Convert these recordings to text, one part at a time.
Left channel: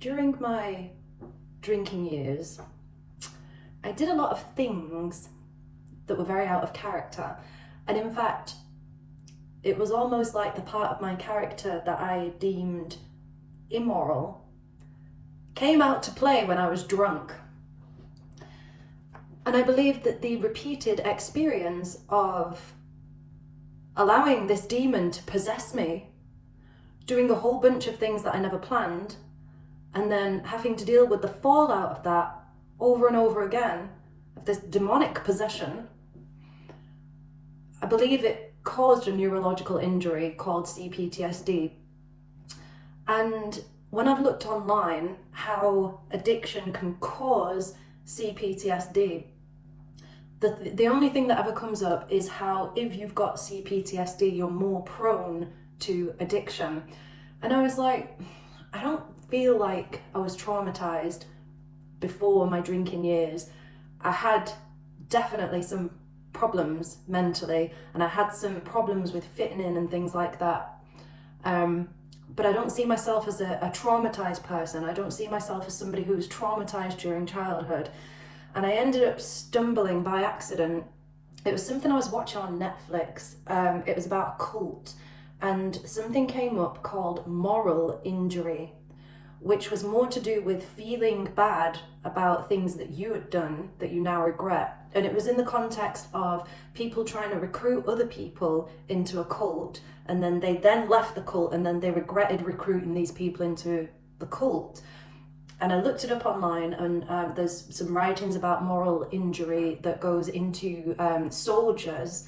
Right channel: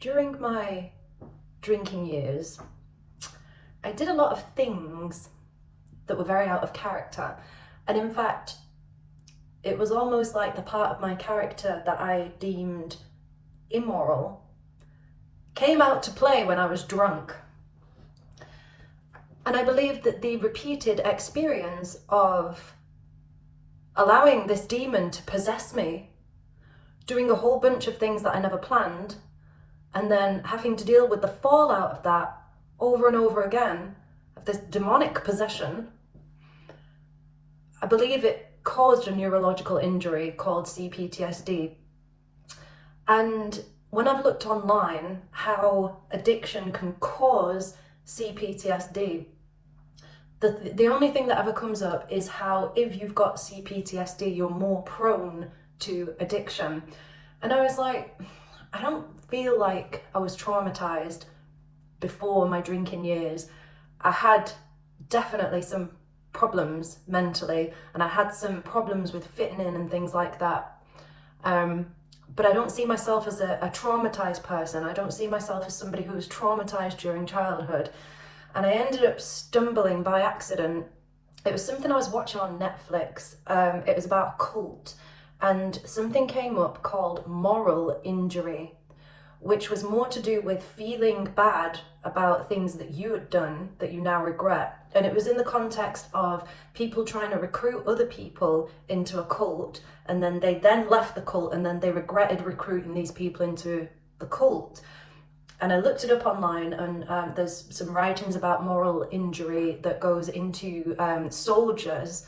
During my drinking years, I did a lot of things that were very out of character. And in fact, it was almost like the part of my character that I deemed immoral came out to play when I was drunk. And I believe that the repeated experience of allowing this demon to possess me, doing a whole bunch of things that I never planned, and then having to deal with the fallout of that over and over again, of this demonic possession, I believe it caused a neurological injury called CPTSD. And when I've looked online how addiction can cause CPTSD, the only thing that ever comes up is how if you've got CPTSD, you're more prone to addiction. And I was like, I don't feel like I was traumatized before my drinking years. I had definitely some problems mentally, and I had some problems with fitting in and things like that. But I don't see myself as a traumatized person. I don't see myself as somebody who was traumatized during childhood. And I ended up stumbling by accident. It was something I was watching on Netflix. It was about a cult, and something came up called moral injury, which was more to do with feeling bad about things that you had done that you now regret. And it was in the context of people trying to recruit other people into a cult, and then they left the cult, and then they regretted recruiting these people into the cult. And I looked it up online, and there's some writings about moral injury that goes into soldiers.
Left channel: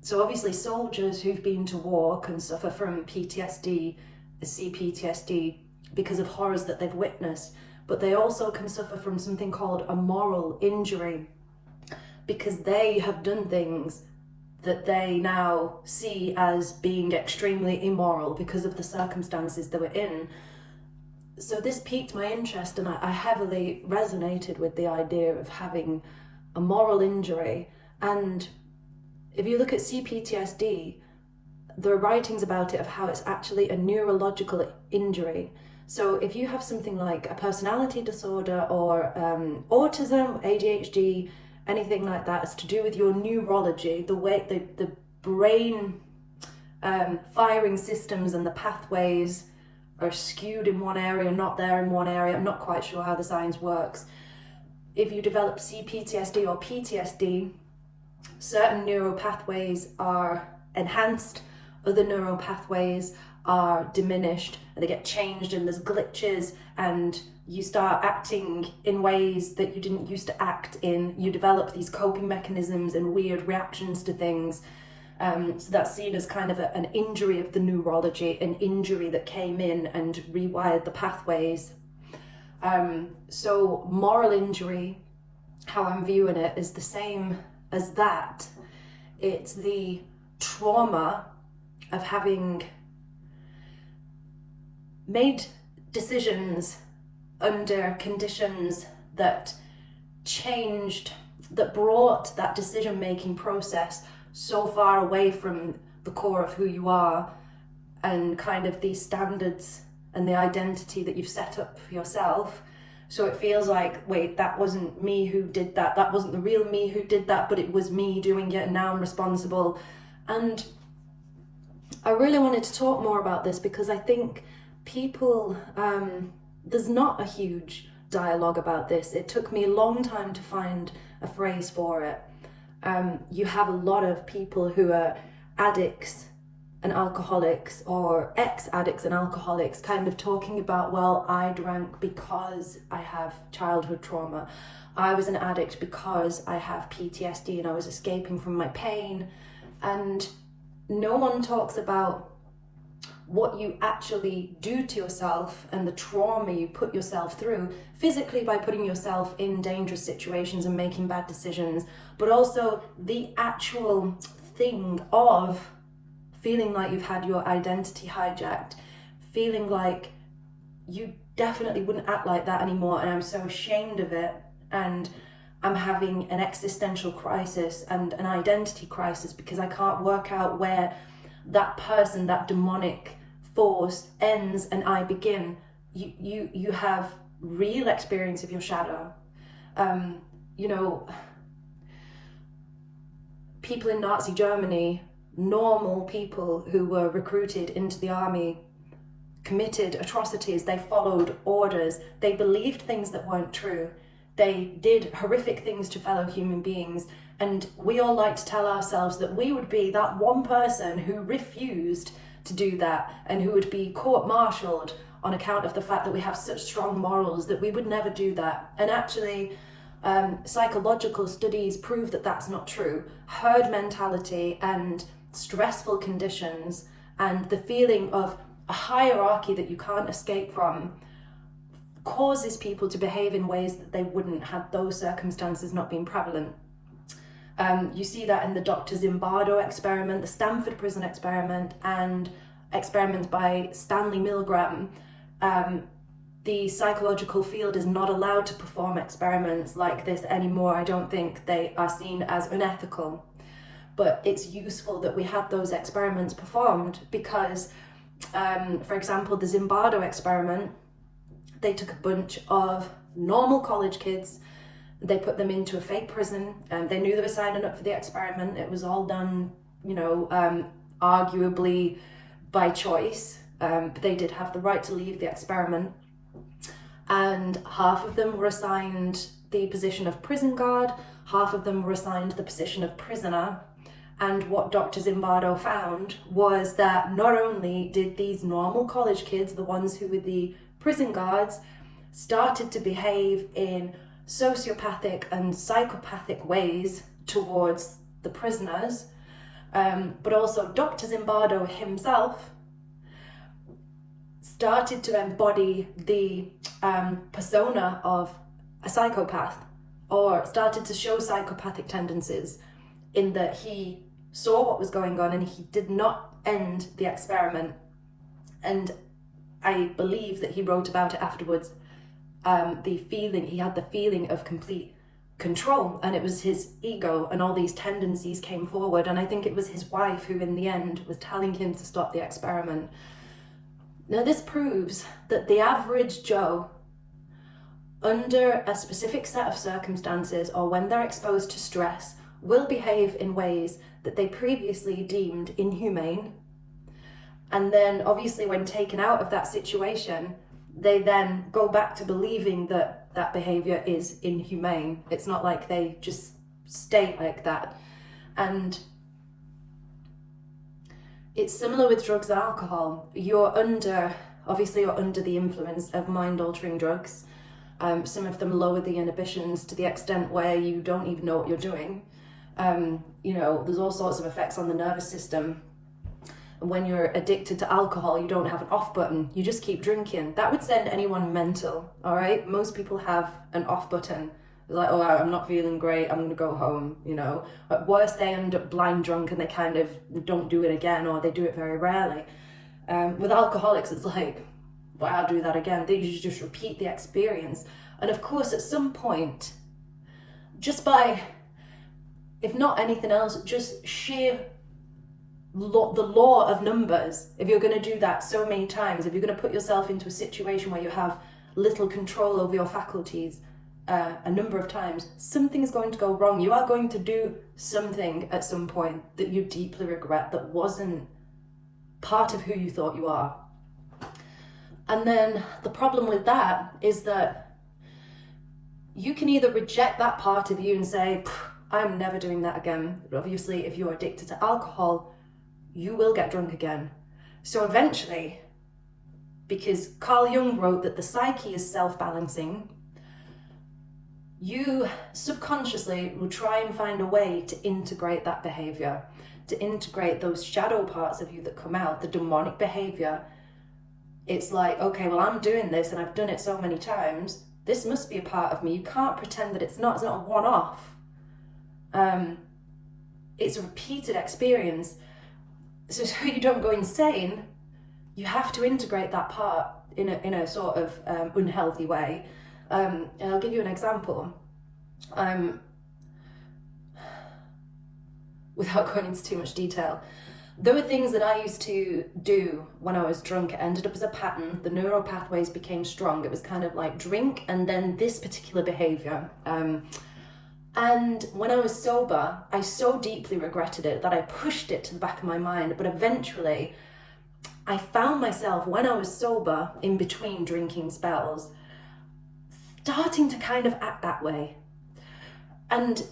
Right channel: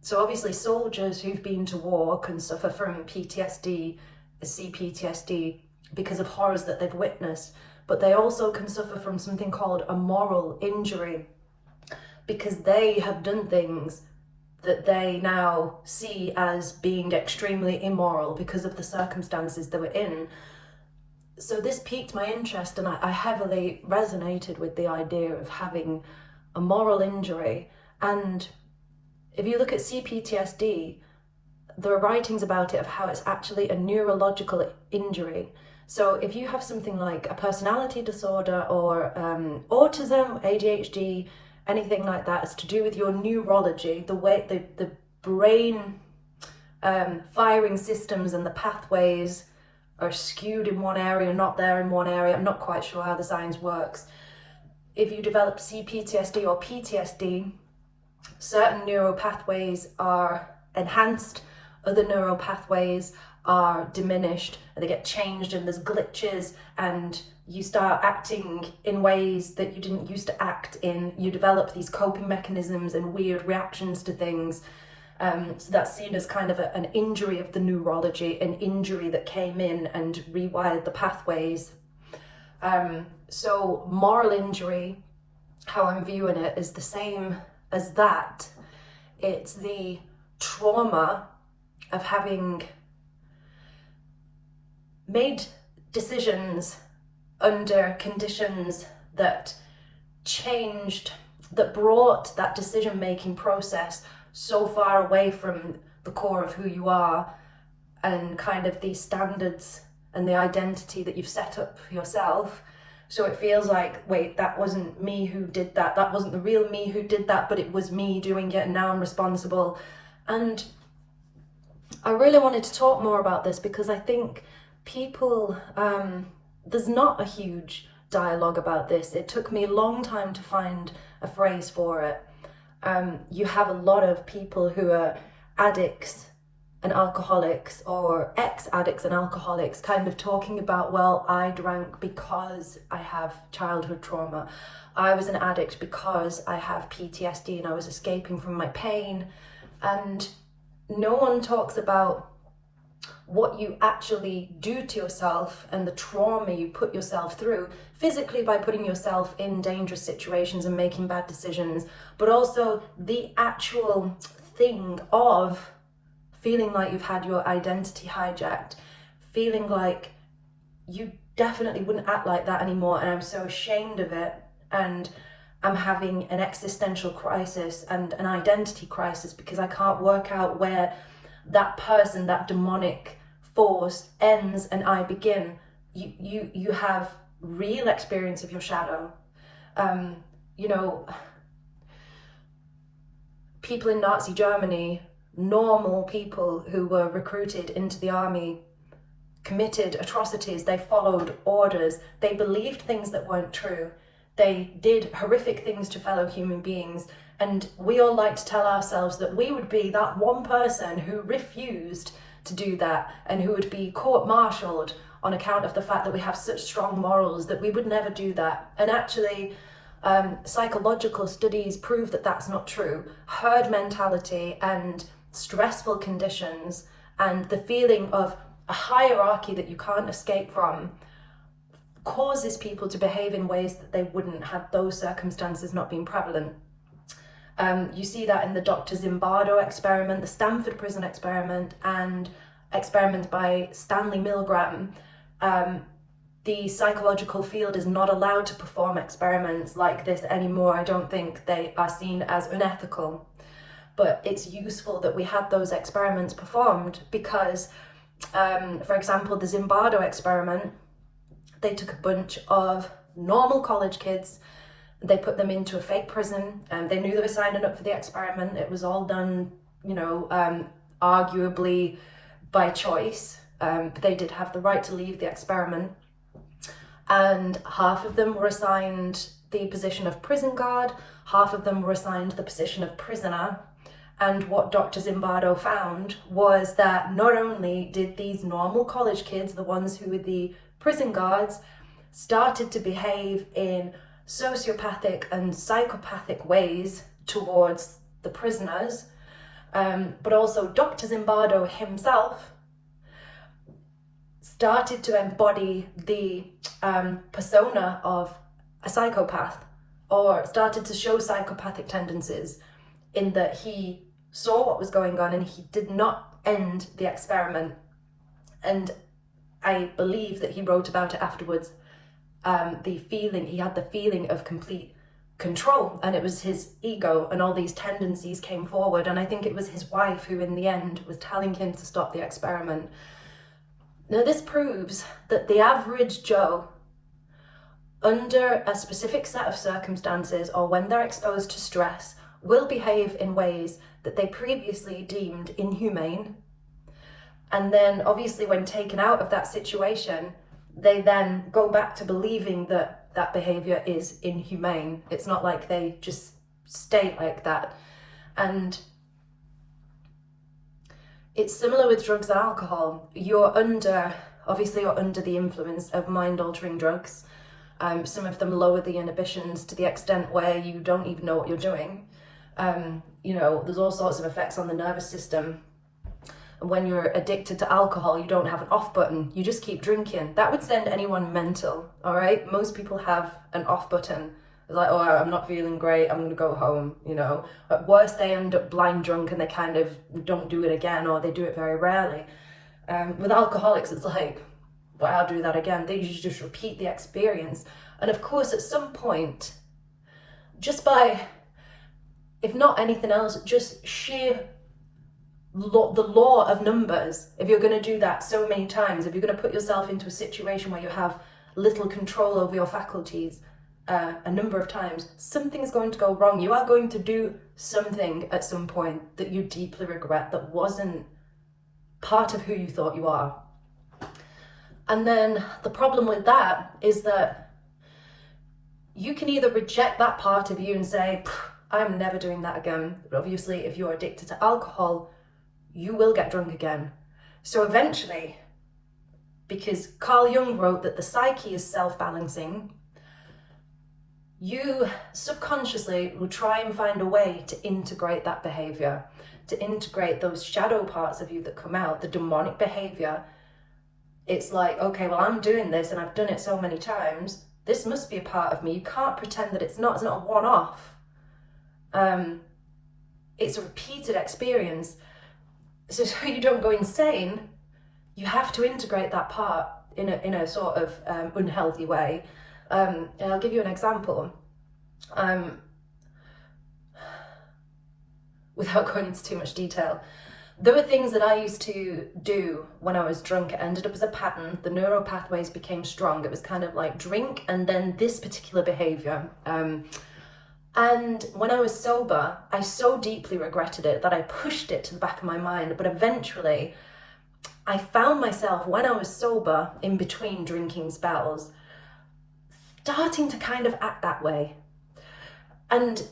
So obviously soldiers who've been to war can suffer from PTSD, CPTSD, because of horrors that they've witnessed. But they also can suffer from something called a moral injury, because they have done things that they now see as being extremely immoral because of the circumstances they were in. So this piqued my interest, and I heavily resonated with the idea of having a moral injury. And if you look at CPTSD, there are writings about it of how it's actually a neurological injury. So if you have something like a personality disorder or autism, ADHD, anything like that, it's to do with your neurology, the way the brain firing systems and the pathways are skewed in one area, not there in one area. I'm not quite sure how the science works. If you develop CPTSD or PTSD, certain neural pathways are enhanced, other neural pathways are diminished, and they get changed, and there's glitches, and you start acting in ways that you didn't used to act in. You develop these coping mechanisms and weird reactions to things. So that's seen as kind of an injury of the neurology, an injury that came in and rewired the pathways. So moral injury, how I'm viewing it, is the same as that. It's the trauma of having made decisions under conditions that changed, that brought that decision-making process so far away from the core of who you are and kind of these standards and the identity that you've set up for yourself. So it feels like, wait, that wasn't me who did that. That wasn't the real me who did that, but it was me doing it, and now I'm responsible. And I really wanted to talk more about this because I think people, there's not a huge dialogue about this. It took me a long time to find a phrase for it. You have a lot of people who are addicts and alcoholics, or ex-addicts and alcoholics, kind of talking about, well, I drank because I have childhood trauma. I was an addict because I have PTSD and I was escaping from my pain. And no one talks about what you actually do to yourself and the trauma you put yourself through physically by putting yourself in dangerous situations and making bad decisions, but also the actual thing of feeling like you've had your identity hijacked, feeling like you definitely wouldn't act like that anymore, and I'm so ashamed of it, and I'm having an existential crisis and an identity crisis because I can't work out where that person, that demonic force ends and I begin. you have real experience of your shadow. You know, people in Nazi Germany, normal people who were recruited into the army, committed atrocities, they followed orders, they believed things that weren't true, they did horrific things to fellow human beings, and we all like to tell ourselves that we would be that one person who refused to do that and who would be court-martialed on account of the fact that we have such strong morals that we would never do that. And actually, psychological studies prove that that's not true. Herd mentality and stressful conditions and the feeling of a hierarchy that you can't escape from causes people to behave in ways that they wouldn't had those circumstances not been prevalent. You see that in the Dr. Zimbardo experiment, the Stanford prison experiment, and experiments by Stanley Milgram. The psychological field is not allowed to perform experiments like this anymore. I don't think they are seen as unethical. But it's useful that we had those experiments performed because, for example, the Zimbardo experiment, they took a bunch of normal college kids, they put them into a fake prison, and they knew they were signing up for the experiment. It was all done, you know, arguably by choice, but they did have the right to leave the experiment. And half of them were assigned the position of prison guard, half of them were assigned the position of prisoner. And what Dr. Zimbardo found was that not only did these normal college kids, the ones who were the prison guards, started to behave in sociopathic and psychopathic ways towards the prisoners, but also Dr. Zimbardo himself started to embody the persona of a psychopath, or started to show psychopathic tendencies, in that he saw what was going on and he did not end the experiment. And I believe that he wrote about it afterwards. He had the feeling of complete control, and it was his ego and all these tendencies came forward. And I think it was his wife who in the end was telling him to stop the experiment. Now this proves that the average Joe, under a specific set of circumstances or when they're exposed to stress, will behave in ways that they previously deemed inhumane. And then obviously when taken out of that situation, they then go back to believing that that behavior is inhumane. It's not like they just stay like that. And it's similar with drugs and alcohol. You're under the influence of mind-altering drugs. Some of them lower the inhibitions to the extent where you don't even know what you're doing. You know, there's all sorts of effects on the nervous system. And when you're addicted to alcohol, you don't have an off button. You just keep drinking. That would send anyone mental, all right? Most people have an off button. It's like, oh, I'm not feeling great, I'm going to go home, you know. At worst, they end up blind drunk and they kind of don't do it again, or they do it very rarely. With alcoholics, it's like, well, I'll do that again. They just repeat the experience. And of course, at some point, just by, if not anything else, just sheer the law of numbers, if you're going to do that so many times, if you're going to put yourself into a situation where you have little control over your faculties a number of times, something's going to go wrong. You are going to do something at some point that you deeply regret, that wasn't part of who you thought you are. And then the problem with that is that you can either reject that part of you and say, I'm never doing that again. But obviously, if you're addicted to alcohol, you will get drunk again. So eventually, because Carl Jung wrote that the psyche is self-balancing, you subconsciously will try and find a way to integrate that behavior, to integrate those shadow parts of you that come out, the demonic behavior. It's like, okay, well, I'm doing this and I've done it so many times. This must be a part of me. You can't pretend that it's not a one-off. It's a repeated experience. So you don't go insane, you have to integrate that part in a sort of unhealthy way. And I'll give you an example. Without going into too much detail, There were things that I used to do when I was drunk. It ended up as a pattern. The neural pathways became strong. It was kind of like drink and then this particular behaviour. And when I was sober, I so deeply regretted it that I pushed it to the back of my mind. But eventually, I found myself, when I was sober, in between drinking spells, starting to kind of act that way. And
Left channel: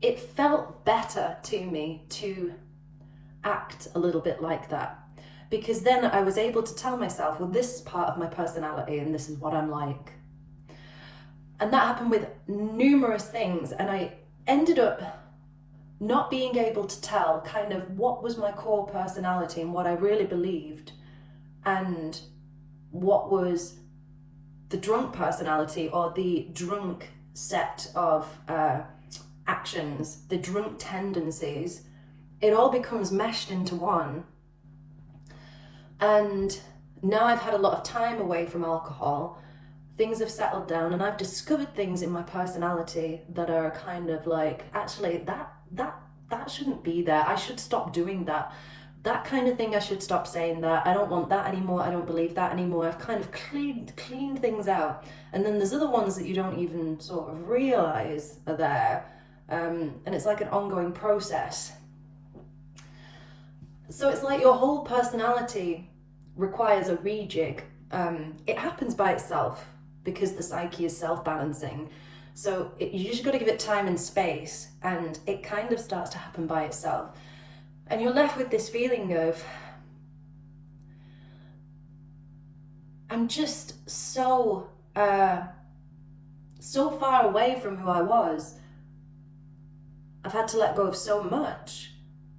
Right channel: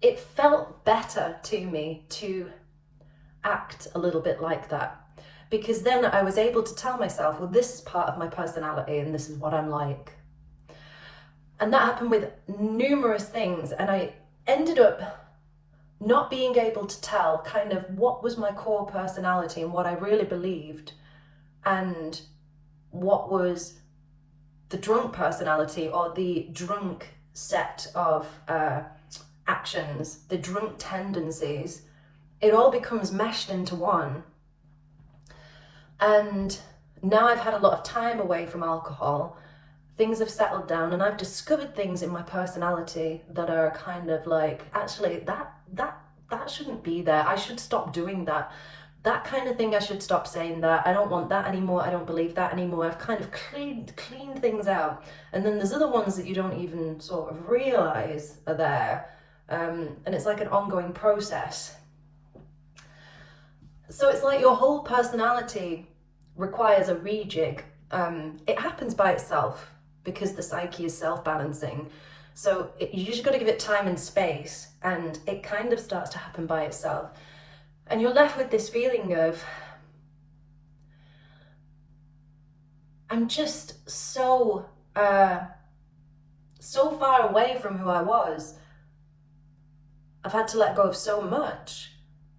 it felt better to me to act a little bit like that, because then I was able to tell myself, well, this is part of my personality and this is what I'm like. And that happened with numerous things, and I ended up not being able to tell kind of what was my core personality and what I really believed, and what was the drunk personality or the drunk set of actions, the drunk tendencies. It all becomes meshed into one. And now I've had a lot of time away from alcohol, things have settled down, and I've discovered things in my personality that are kind of like, actually, that shouldn't be there. I should stop doing that. That kind of thing, I should stop saying that. I don't want that anymore. I don't believe that anymore. I've kind of cleaned things out. And then there's other ones that you don't even sort of realize are there. And it's like an ongoing process. So it's like your whole personality requires a rejig. It happens by itself because the psyche is self-balancing. So you just got to give it time and space, and it kind of starts to happen by itself. And you're left with this feeling of, I'm just so far away from who I was. I've had to let go of so much.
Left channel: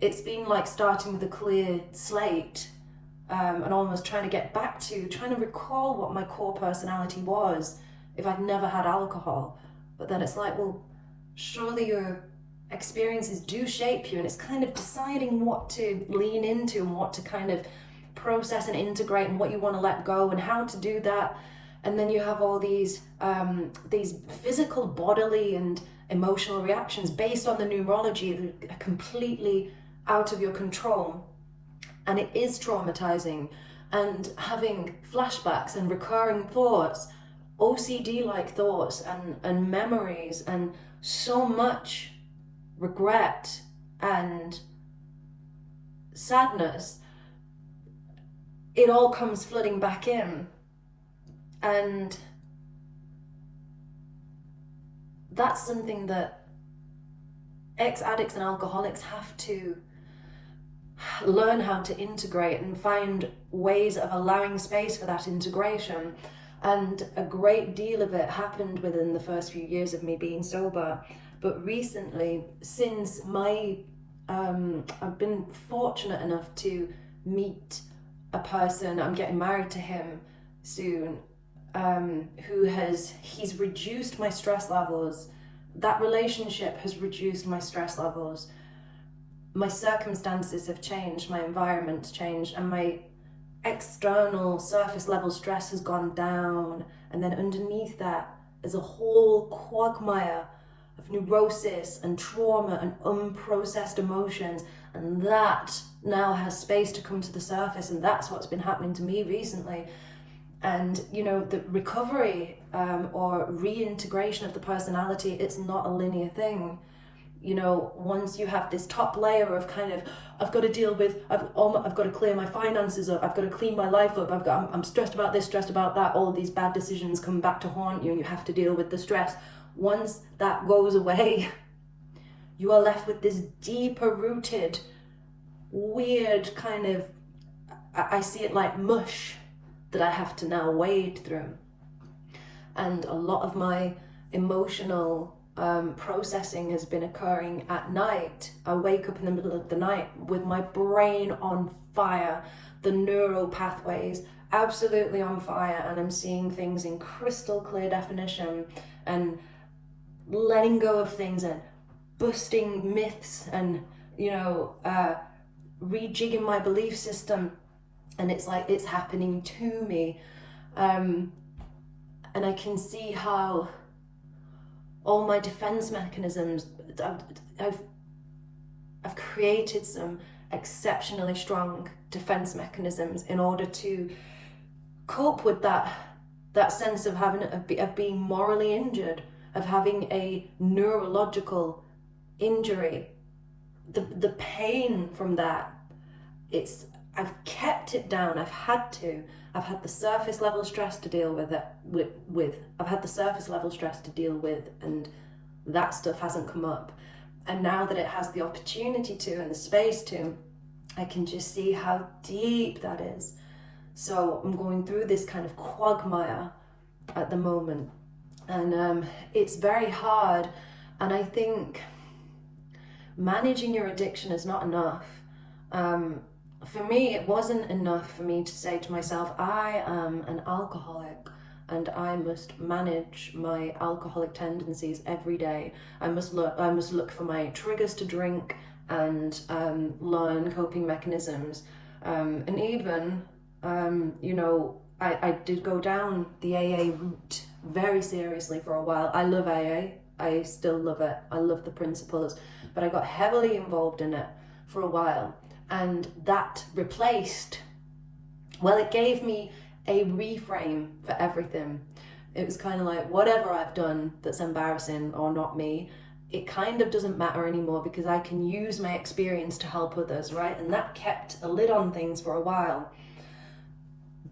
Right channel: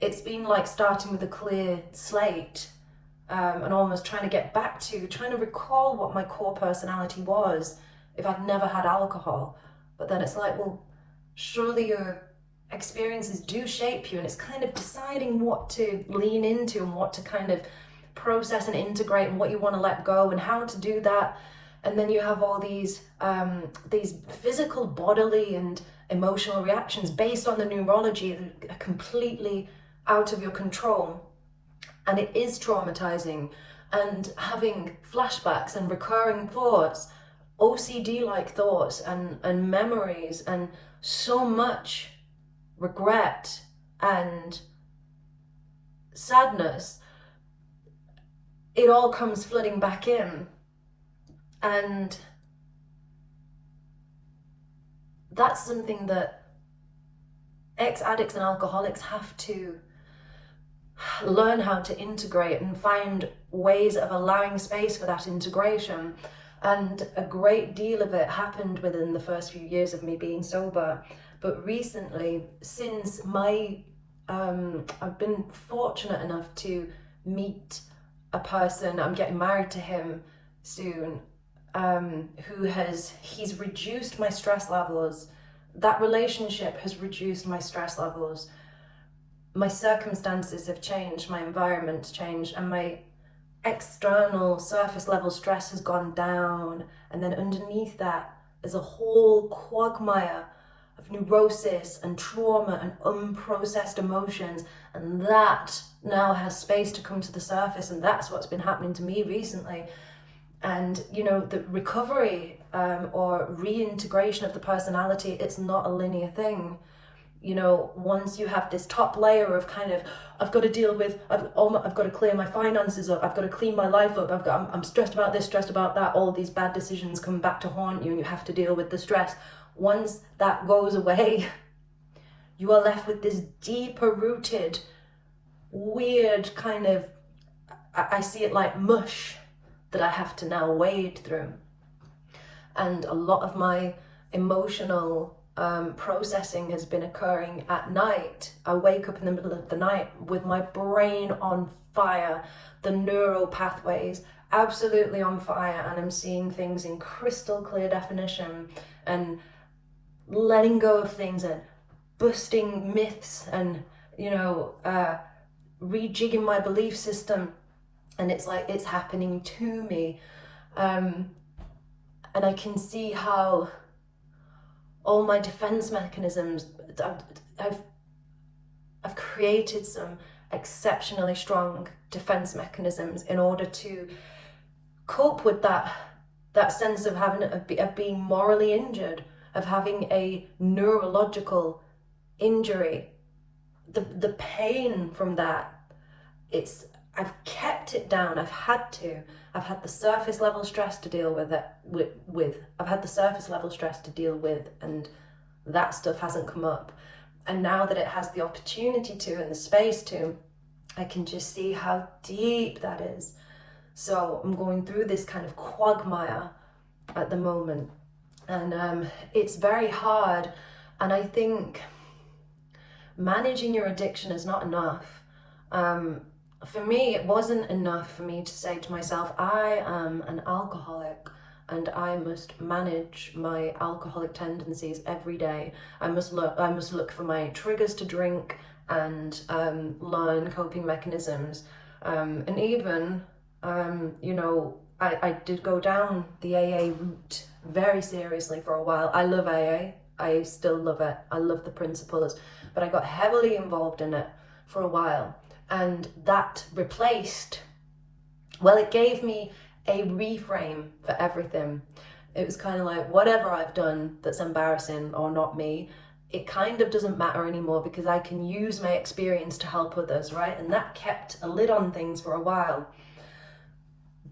It's been like starting with a clear slate, and almost trying to recall what my core personality was if I'd never had alcohol. But then it's like, well, surely your experiences do shape you, and it's kind of deciding what to lean into and what to kind of process and integrate and what you want to let go and how to do that. And then you have all these physical, bodily and emotional reactions based on the neurology that are completely out of your control. And it is traumatizing, and having flashbacks and recurring thoughts, OCD-like thoughts and memories, and so much regret and sadness, it all comes flooding back in. And that's something that ex-addicts and alcoholics have to learn how to integrate and find ways of allowing space for that integration. And a great deal of it happened within the first few years of me being sober. But recently, since I've been fortunate enough to meet a person, I'm getting married to him soon, he's reduced my stress levels. That relationship has reduced my stress levels. My circumstances have changed, my environment's changed, and my external surface level stress has gone down. And then underneath that is a whole quagmire of neurosis and trauma and unprocessed emotions, and that now has space to come to the surface. And that's what's been happening to me recently. And you know, the recovery or reintegration of the personality, it's not a linear thing. You know, once you have this top layer of kind of, I've got to deal with, I've got to clear my finances up, I've got to clean my life up, I'm stressed about this, stressed about that, all these bad decisions come back to haunt you and you have to deal with the stress. Once that goes away, you are left with this deeper rooted, weird kind of, I see it like mush that I have to now wade through. And a lot of my emotional processing has been occurring at night. I wake up in the middle of the night with my brain on fire, the neural pathways absolutely on fire, and I'm seeing things in crystal clear definition and letting go of things and busting myths and, you know, rejigging my belief system. And it's like it's happening to me. And I can see how all my defense mechanisms, I've created some exceptionally strong defense mechanisms in order to cope with that sense of having of being morally injured, of having a neurological injury. The pain from that, I've kept it down. I've had the surface level stress to deal with it with I've had the surface level stress to deal with, and that stuff hasn't come up. And now that it has the opportunity to and the space to, I can just see how deep that is. So I'm going through this kind of quagmire at the moment, and it's very hard. And I think managing your addiction is not enough. For me, it wasn't enough for me to say to myself, I am an alcoholic and I must manage my alcoholic tendencies every day. I must look for my triggers to drink and learn coping mechanisms. And even, I did go down the AA route very seriously for a while. I love AA. I still love it. I love the principles, but I got heavily involved in it for a while. And that it gave me a reframe for everything. It was kind of like, whatever I've done that's embarrassing or not me, it kind of doesn't matter anymore because I can use my experience to help others, right? And that kept a lid on things for a while.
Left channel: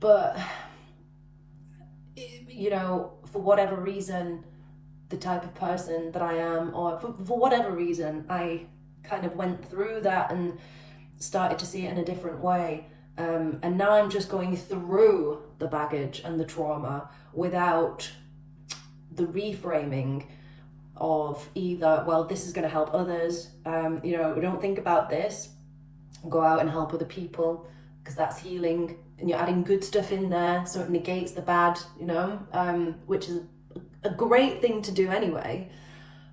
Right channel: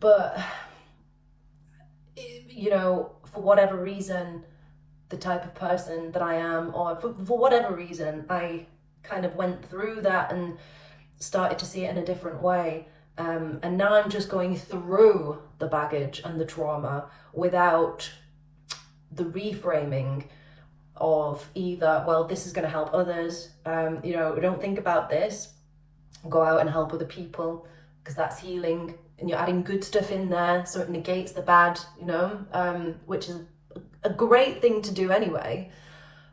But, for whatever reason, the type of person that I am, or for whatever reason, I kind of went through that and started to see it in a different way. And now I'm just going through the baggage and the trauma without the reframing of either, well, this is going to help others. Don't think about this. Go out and help other people because that's healing. And you're adding good stuff in there so it negates the bad, which is a great thing to do anyway.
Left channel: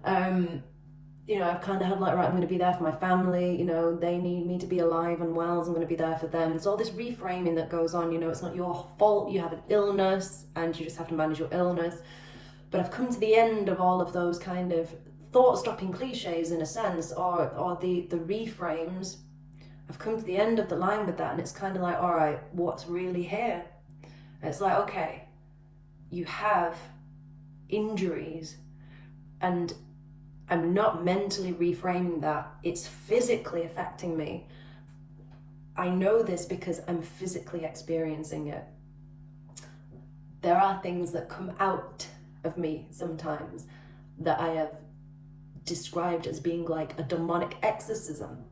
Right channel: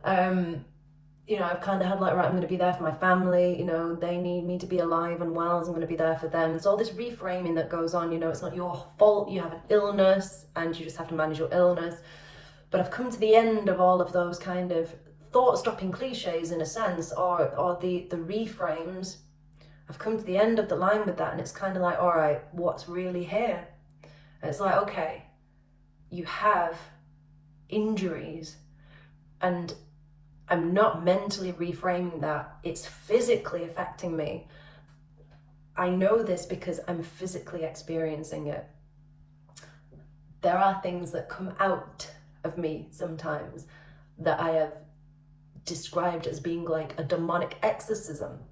I've kind of had right, I'm going to be there for my family, they need me to be alive and well, so I'm going to be there for them. It's all this reframing that goes on, it's not your fault, you have an illness and you just have to manage your illness. But I've come to the end of all of those kind of thought-stopping cliches in a sense, or the reframes. I've come to the end of the line with that, and it's kind of like, all right, what's really here? And it's like, okay, you have injuries, and I'm not mentally reframing that. It's physically affecting me. I know this because I'm physically experiencing it. There are things that come out of me sometimes that I have described as being like a demonic exorcism.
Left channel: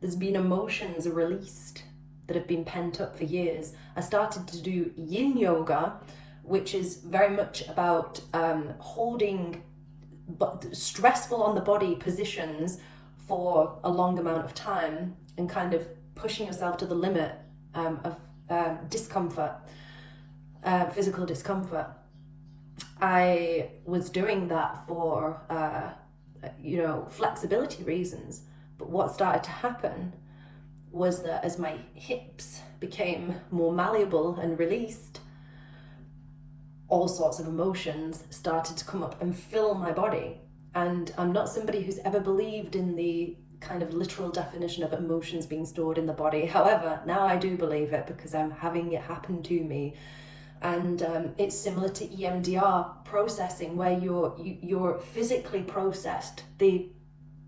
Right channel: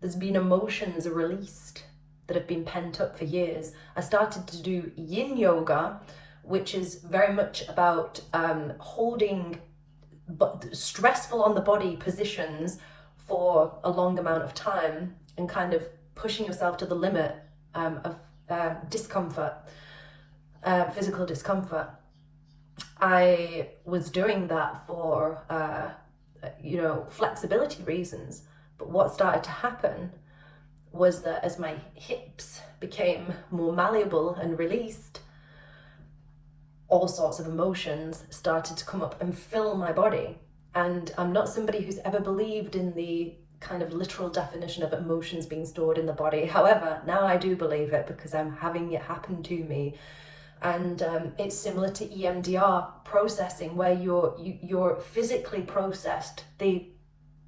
There's been emotions released that have been pent up for years. I started to do yin yoga, which is very much about holding stressful on the body positions for a long amount of time and kind of pushing yourself to the limit of discomfort, physical discomfort. I was doing that for flexibility reasons, but what started to happen was that as my hips became more malleable and released, all sorts of emotions started to come up and fill my body. And I'm not somebody who's ever believed in the kind of literal definition of emotions being stored in the body. However, now I do believe it because I'm having it happen to me. And it's similar to EMDR processing, where you're physically processed. The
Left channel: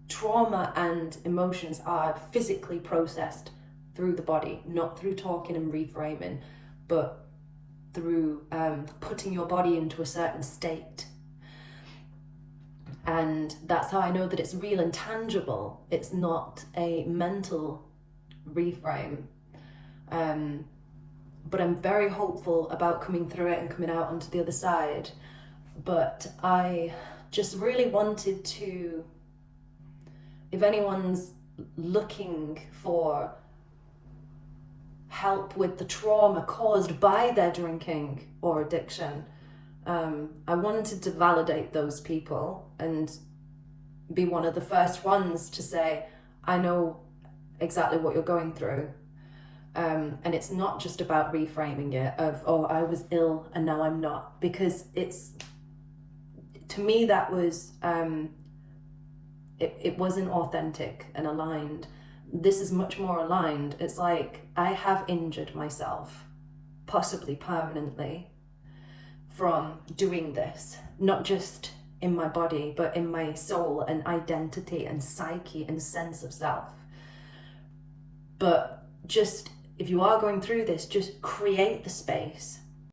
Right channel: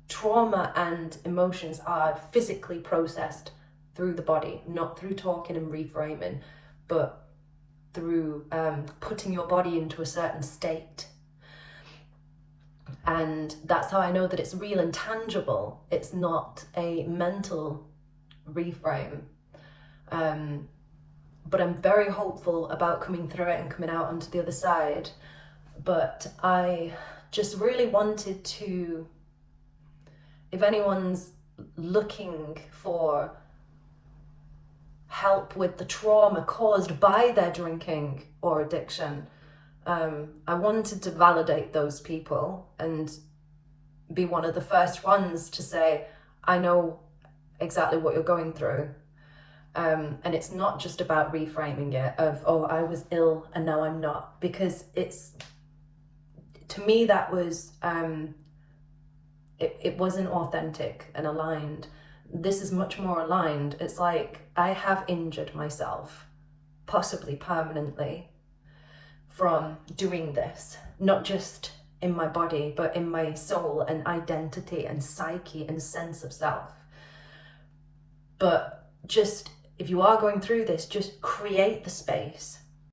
trauma and emotions are physically processed through the body, not through talking and reframing, but through putting your body into a certain state. And that's how I know that it's real and tangible. It's not a mental reframe. But I'm very hopeful about coming through it and coming out onto the other side. But I just really wanted to, if anyone's looking for help with the trauma caused by their drinking or addiction, I wanted to validate those people and be one of the first ones to say, I know exactly what you're going through. And it's not just about reframing it of, oh, I was ill and now I'm not, because to me that was, it wasn't authentic and aligned. this is much more aligned. It's like I have injured myself, possibly permanently, from doing this, not just in my body, but in my soul and identity and psyche and sense of self. But just, if you are going through this, just create the space